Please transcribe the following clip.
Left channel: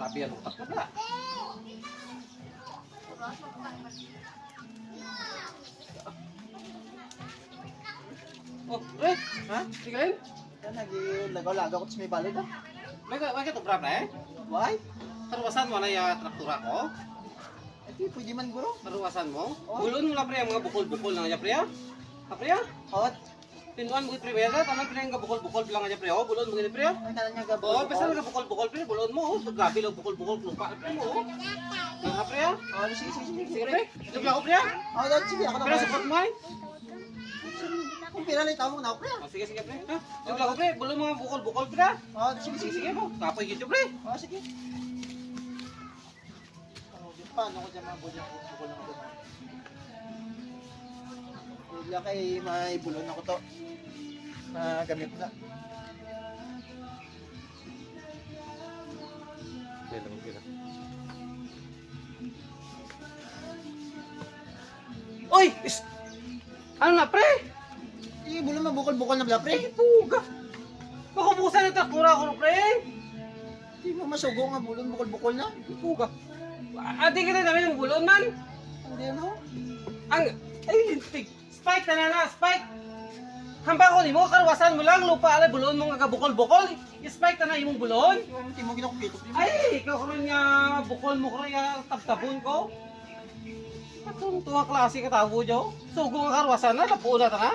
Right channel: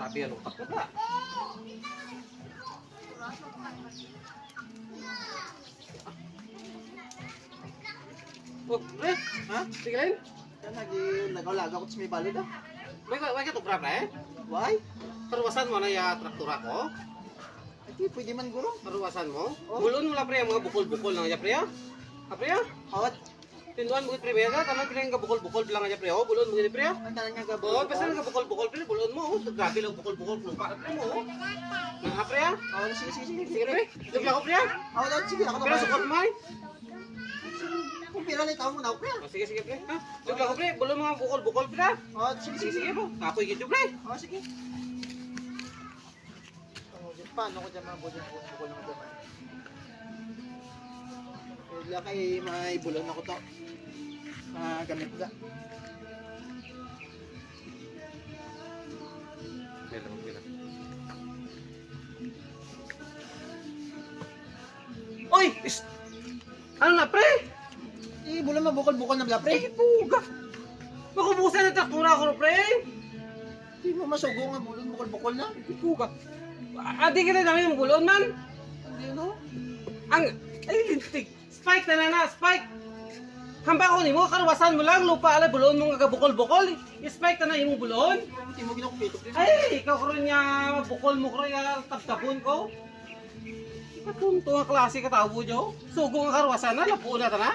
Grabe ang utak ko ba? Oh, pre, ha? Tingnan. Yan, nag-lagaw ko sa may balid ah. May ka to grab na eh? Why? Taruwasan mo na yung traktura ko? Ay, di, pwede man guro. Taruwasan mo? Oh. Bulon mo na pre, ang mga bukol-bukol na nga pre ha? Ha pre ha? Hawat. Tinduan mo pre ba? Tama pre nga bukol-bukol bilang nga pre ha? Bulon mo nga pre ha? Ang tanan nga Oo, gabo. basta nga bukol-bukol pre, bulon mo. Grabe lang bukol-bukol lupa pre mo. Nga pre ha? Oh, sige, sige, sige. Sige pre, joke lang ako pre ha? Oh, dahil sige, ako Pero na. support mo eh. Kung pila lang ikaw muna ako, pre. Oh, sige sige pre. Ha? Joke lang ako pre, bulon mo nga bukol-bukol pre ha? Oh, sige, Sige sige, sige sige. po, kapoy gitu pre. Oh, sige. Oh, paano ko dyan mabudyo ko ng ito? Kaya kay may bulang ako to. Na gamit ka. Meron ko. Oy! Ano na pre? Eh, bulang mabukol-bukol na bala, pre. Puga! Makubusan ang traktura ko pre! Hindi mo masugo nga bulang bukol-bukol na. Puga! Adi ka na namin ng bulon man! Hindi mo. Ang... Ay, lintik! Spike na na! Spike! Hambay ko ni mo, karwasan mo lang, lupa alay, bulon mo nga bukol-bukol. Spike ka na yung bulon. Hindi mo ginakupito. Ay, ikaw karon nga bukol mo karon nga tabtabon ko. Katong tuwa klase ka tabo jo. Sugo nga karwasan na, lapo na ta na.